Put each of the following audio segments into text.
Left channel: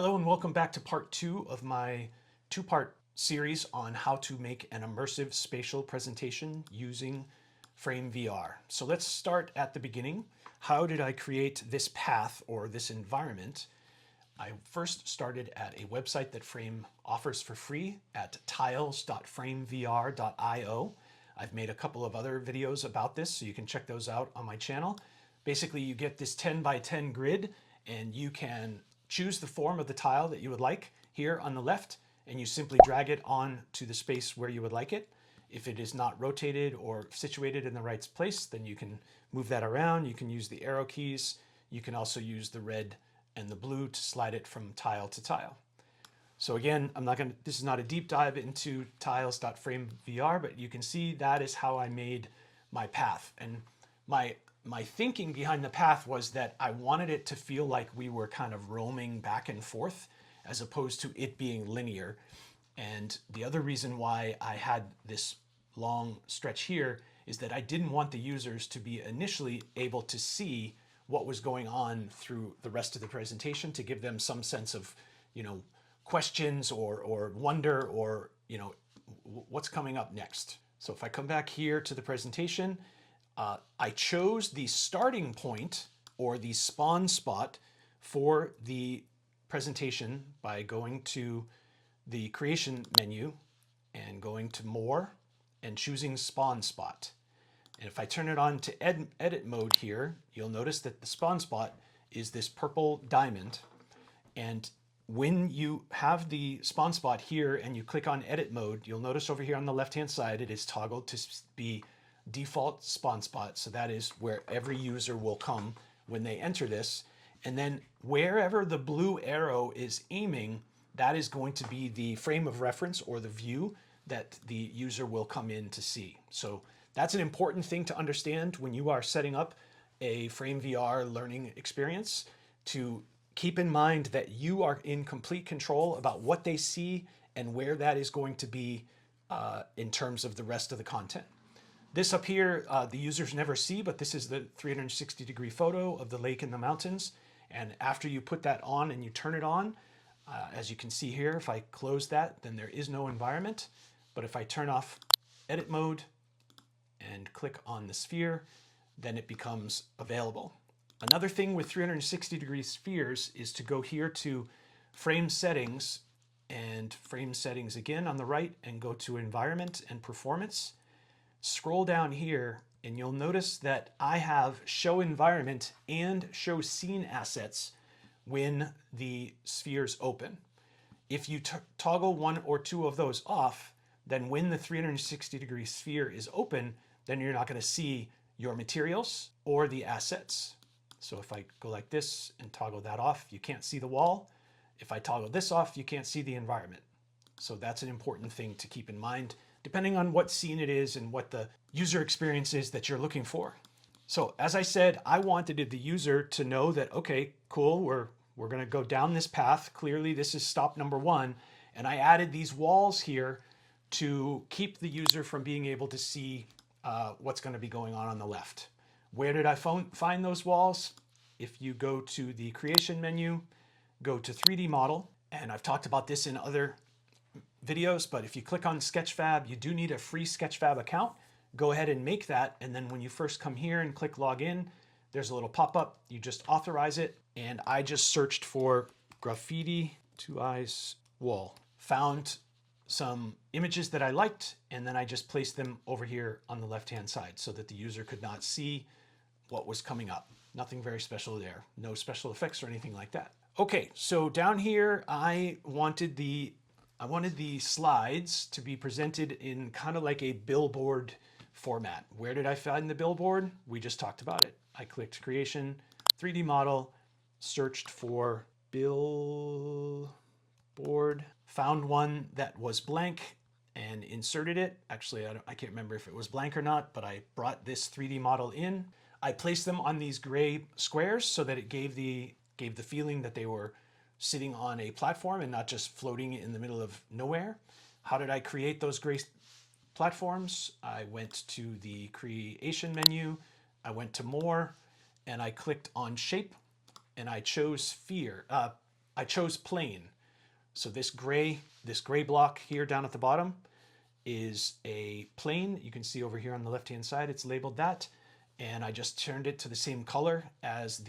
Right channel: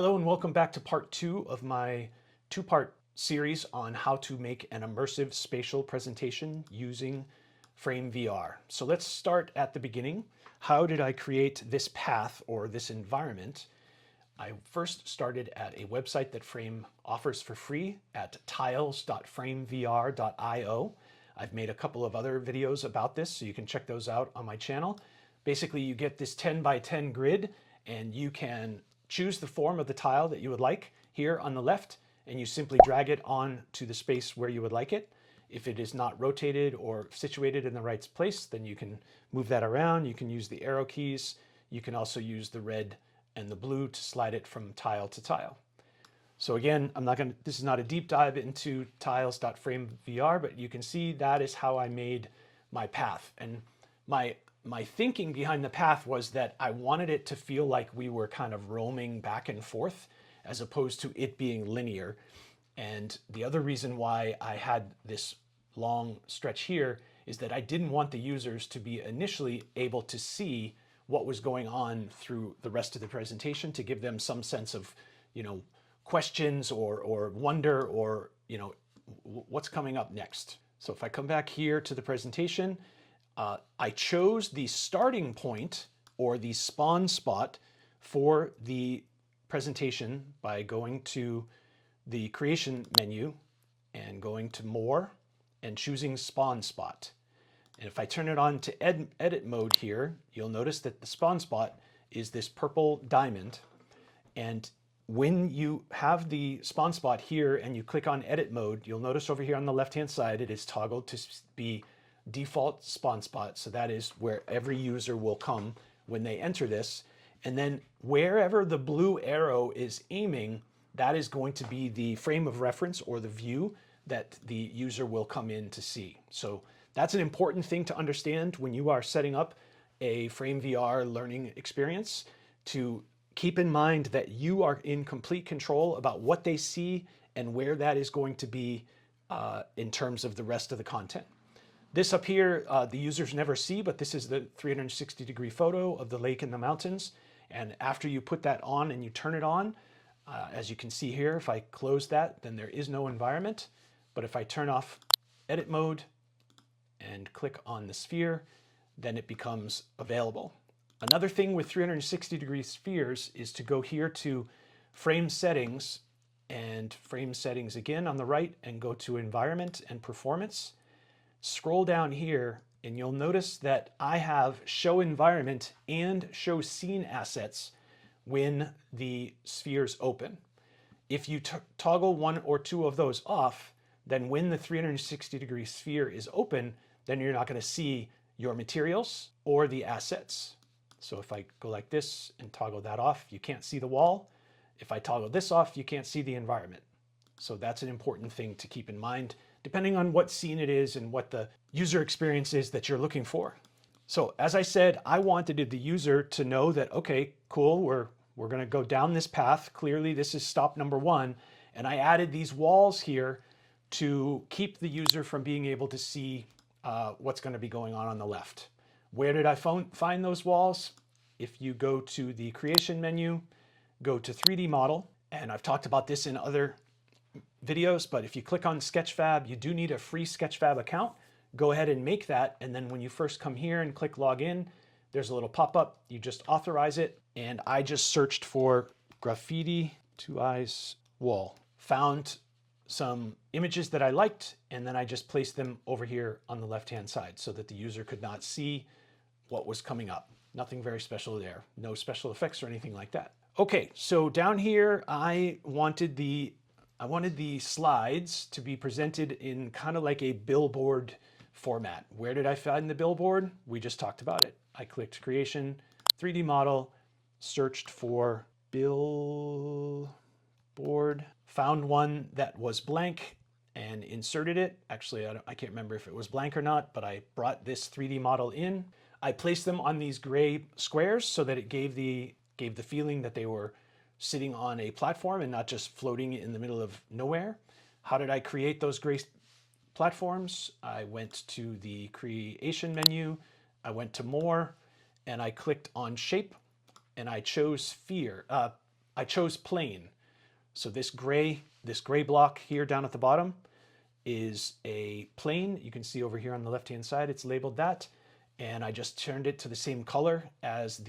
Hello and welcome back to part 2 of my two-part series on how to make an immersive spatial presentation using Frame VR. So let's start at the beginning. How did I create this path or this environment? I first started at a website that Frame offers for free at tiles.framevr.io. I've made a couple of other videos about this, so you can check those out on my channel. Basically, you get this 10 by 10 grid and you can choose the form of the tile that you would like here on the left, and you simply drag it on to the space where you would like it. If it is not rotated or situated in the right place, then you can move that around. You can use the arrow keys. You can also use the red and the blue to slide it from tile to tile. So again, this is not a deep dive into tiles.framevr, but you can see that is how I made my path. And my thinking behind the path was that I wanted it to feel like we were kind of roaming back and forth as opposed to it being linear. And the other reason why I had this long stretch here is that I didn't want the users to be initially able to see what was going on through the rest of the presentation, to give them some sense of, questions or wonder or, what's coming up next. So if I come back here to the presentation, I chose the starting point or the spawn spot for the presentation by going to the creation menu and going to more and choosing spawn spot. And if I turn it on to edit mode here, you'll notice that the spawn spot is this purple diamond. And when you have the spawn spot here and you click on edit mode, you'll notice over here on the left-hand side, it is toggled to be default spawn spot. So that is where every user will come when they enter this. And then wherever the blue arrow is aiming, that is going to be the frame of reference or the view that the user will come in to see. So that's an important thing to understand when you are setting up a Frame VR learning experience, to keep in mind that you are in complete control about what they see and where that is going to be in terms of the rest of the content. This up here, the users never see, but this is the 360-degree photo of the lake and the mountains. And after you put that on and you turn it on, as you can see here, if I close that, then there is no environment. But if I turn off edit mode and click on the sphere, then it becomes available. Another thing with 360-degree spheres is to go here to frame settings and frame settings again on the right and go to environment and performance. Scroll down here and you'll notice that I have show environment and show scene assets when the spheres open. If you toggle one or two of those off, then when the 360-degree sphere is open, then you're not going to see your materials or the assets. So if I go like this and toggle that off, you can't see the wall. If I toggle this off, you can't see the environment. So that's an important thing to keep in mind, depending on what scene it is and what the user experience is that you're looking for. So as I said, I wanted the user to know that, okay, cool, we're going to go down this path. Clearly, this is stop number 1. And I added these walls here to keep the user from being able to see what's going to be going on the left. Where did I find those walls? If you go to the creation menu, go to 3D model, and I've talked about this in other videos, but if you click on Sketchfab, you do need a free Sketchfab account. Go ahead and make that, and then when you first come here and click login, there's a little pop-up. You just authorize it, and I just searched for graffiti 2 eyes wall. Found some images that I liked, and then I just placed them over here on the left-hand side so that the user could not see what was coming up. Nothing very special there. No special effects or anything like that. Okay, so down here, I wanted the slides to be presented in kind of like a billboard format. Where did I find the billboard? We just talked about it. I clicked creation, 3D model, searched for billboard, found one that was blank and inserted it. Actually, I can't remember if it was blank or not, but I brought this 3D model in. I placed them on these gray squares so that it gave the feeling that they were sitting on a platform and not just floating in the middle of nowhere. How did I create those gray platforms? I went to the creation menu, I went to more, and I clicked on shape, and I chose sphere. I chose plain. So this gray block here down at the bottom is a plane. You can see over here on the left-hand side, it's labeled that. And I just turned it to the same color as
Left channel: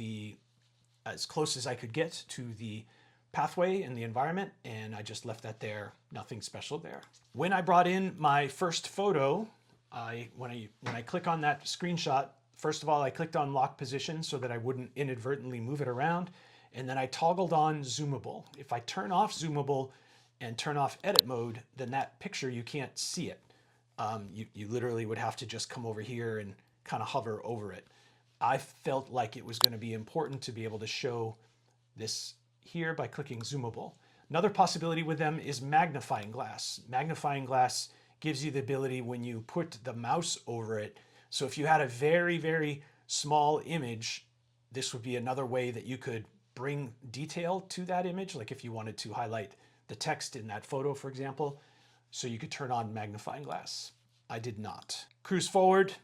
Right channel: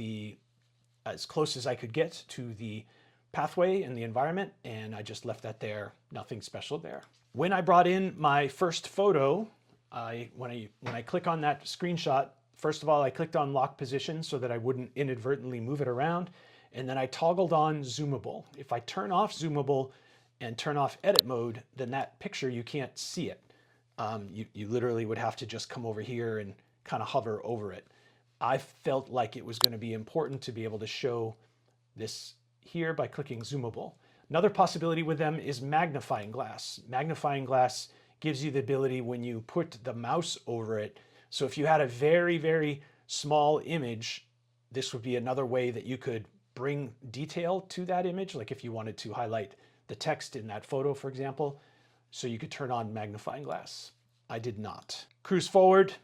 close as I could get to the pathway and the environment. And I just left that there, nothing special there. When I brought in my first photo, when I click on that screenshot, first of all, I clicked on lock position so that I wouldn't inadvertently move it around. And then I toggled on zoomable. If I turn off zoomable and turn off edit mode, then that picture, you can't see it. You literally would have to just come over here and kind of hover over it. I felt like it was going to be important to be able to show this here by clicking zoomable. Another possibility with them is magnifying glass. Magnifying glass gives you the ability when you put the mouse over it. So if you had a very, very small image, this would be another way that you could bring detail to that image. Like if you wanted to highlight the text in that photo, for example, so you could turn on magnifying glass. I did not. Cruise forward.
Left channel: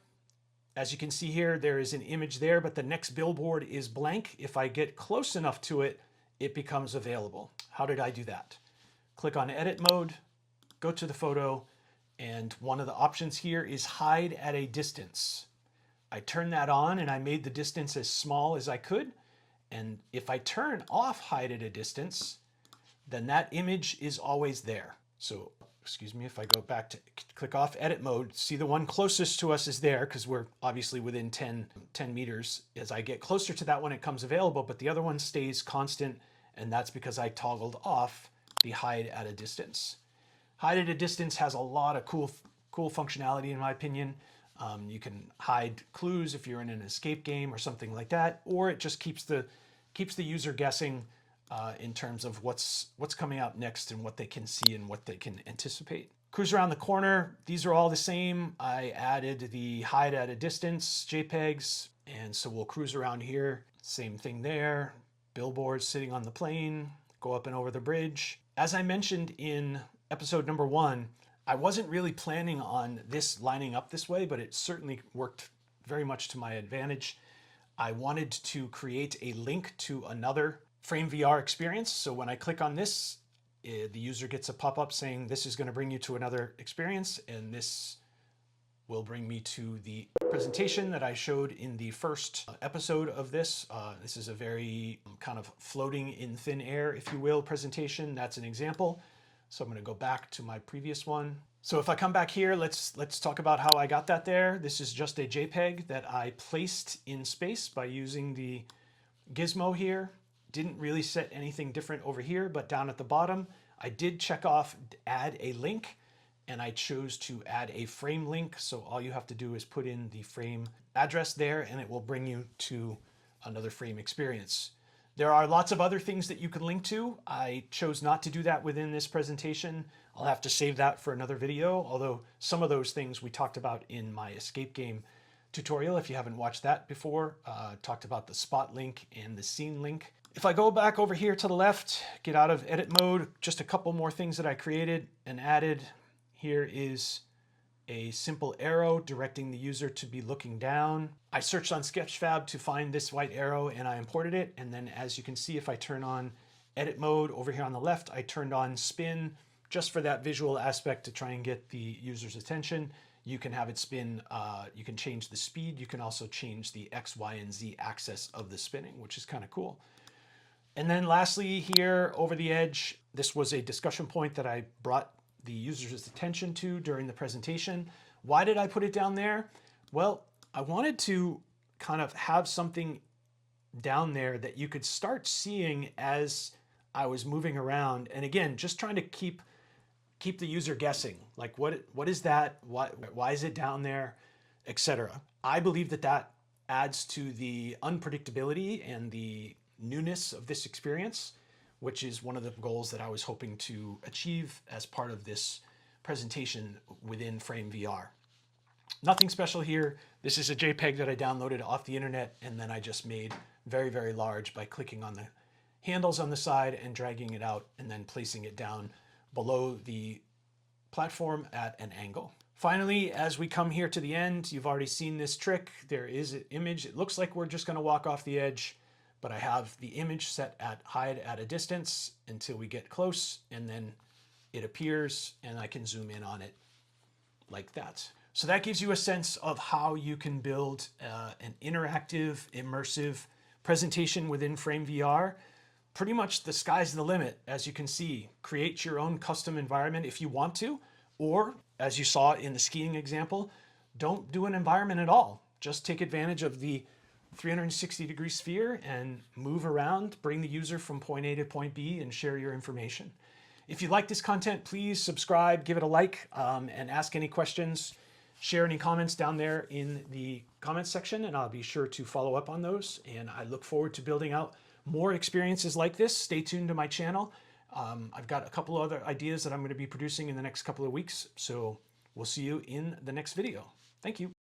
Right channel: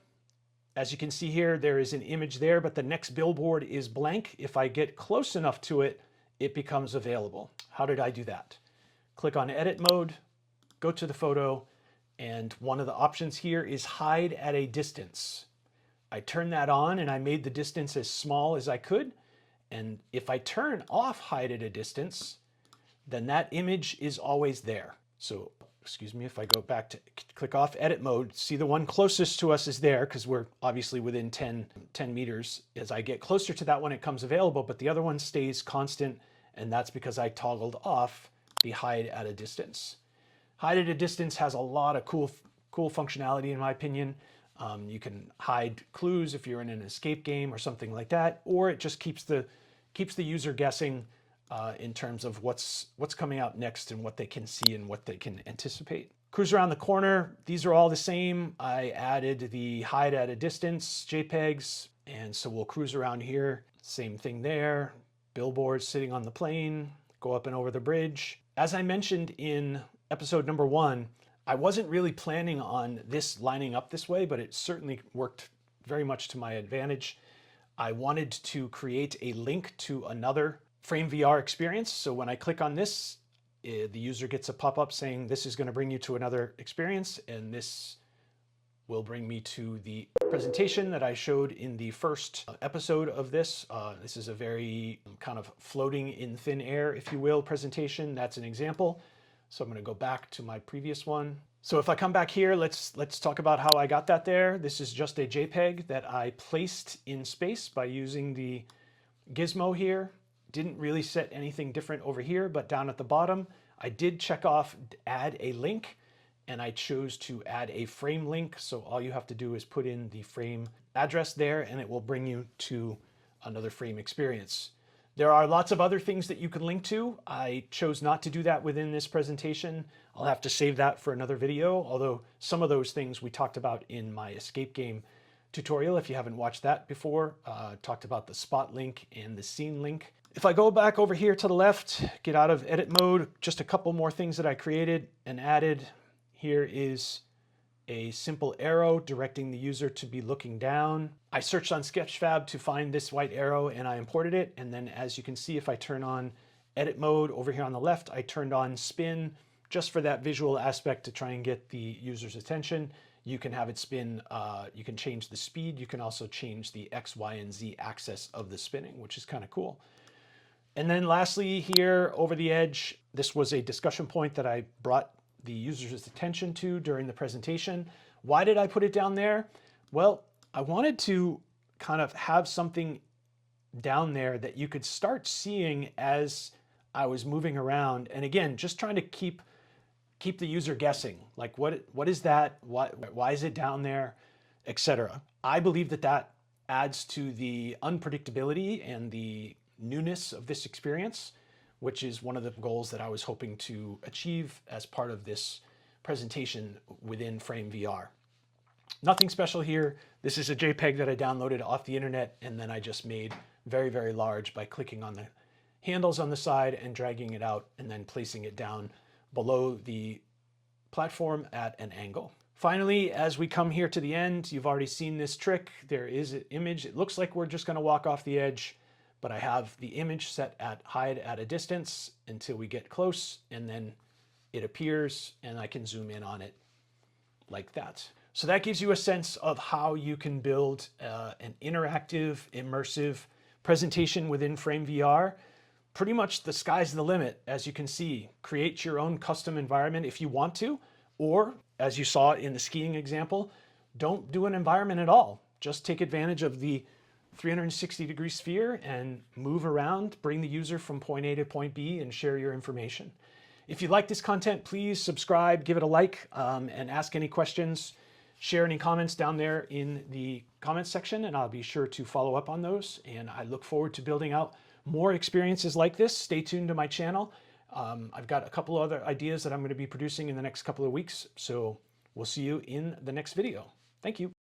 As you can see here, there is an image there, but the next billboard is blank. If I get close enough to it, it becomes available. How did I do that? Click on edit mode, go to the photo, and one of the options here is hide at a distance. I turned that on and I made the distance as small as I could. And if I turn off hide at a distance, then that image is always there. So, excuse me, if I go back to click off edit mode, see the one closest to us is there because we're obviously within 10 meters. As I get closer to that one, it comes available, but the other one stays constant. And that's because I toggled off the hide at a distance. Hide at a distance has a lot of cool functionality in my opinion. You can hide clues if you're in an escape game or something like that, or it just keeps the user guessing in terms of what's coming out next and what they can see and what they can anticipate. Cruise around the corner. These are all the same. I added the hide at a distance JPEGs, and so we'll cruise around here. Same thing there. Billboard sitting on the plane. Go up and over the bridge. As I mentioned in episode number 1, I wasn't really planning on this lining up this way, but it certainly worked very much to my advantage. I wanted to create a link to another Frame VR experience. So when I click on this, the user gets a pop-up saying this is going to bring you to another experience, and this will bring me to the presentation that I showed in the first episode of this. This is a very kind of floating in thin air, if you will, presentation. That's an example. So I'm going to go back to my previous one. So if I come back here, let's talk about how I got that there. This is just a JPEG that I placed in space by using the gizmo here. Didn't really set anything different over here, but down at the bottom, I did check off add a link, and I chose to add a frame link. So all you have to do is put in the frame address there, and it will bring you to another frame experience. There are lots of other things that you can link to. I chose not to do that within this presentation. I'll have to save that for another video, although some of those things we talked about in my escape game tutorial. If you haven't watched that before, talked about the spot link and the scene link. If I go back over here to the left, get out of edit mode, just a couple more things that I created and added. Here is a simple arrow directing the user to be looking down. I searched on Sketchfab to find this white arrow and I imported it. And then as you can see, if I turn on edit mode over here on the left, I turned on spin just for that visual aspect to try and get the user's attention. You can have it spin, you can change the speed. You can also change the X, Y, and Z axis of the spinning, which is kind of cool. And then lastly here over the edge, this was a discussion point that I brought the user's attention to during the presentation. Why did I put it down there? Well, I wanted to kind of have something down there that you could start seeing as I was moving around. And again, just trying to keep the user guessing, like what is that? Why is it down there, etc. I believe that adds to the unpredictability and the newness of this experience, which is one of the goals that I was hoping to achieve as part of this presentation within Frame VR. Nothing special here. This is a JPEG that I downloaded off the internet, and then I just made very, very large by clicking on the handles on the side and dragging it out and then placing it down below the platform at an angle. Finally, as we come here to the end, you've already seen this trick. There is an image. It looks like we're just going to walk off the edge, but I have the image set at hide at a distance until we get close, and then it appears and I can zoom in on it like that. So that gives you a sense of how you can build an interactive, immersive presentation within Frame VR. Pretty much the sky's the limit, as you can see. Create your own custom environment if you want to, or as you saw in the skiing example, don't do an environment at all. Just take advantage of the 360-degree sphere and move around, bring the user from point A to point B, and share your information. If you like this content, please subscribe, give it a like, and ask any questions. Share any comments down there in the comments section, and I'll be sure to follow up on those. And I look forward to building out more experiences like this. Stay tuned to my channel. I've got a couple other ideas that I'm going to be producing in the next couple of weeks. So we'll see you in the next video. Thank you.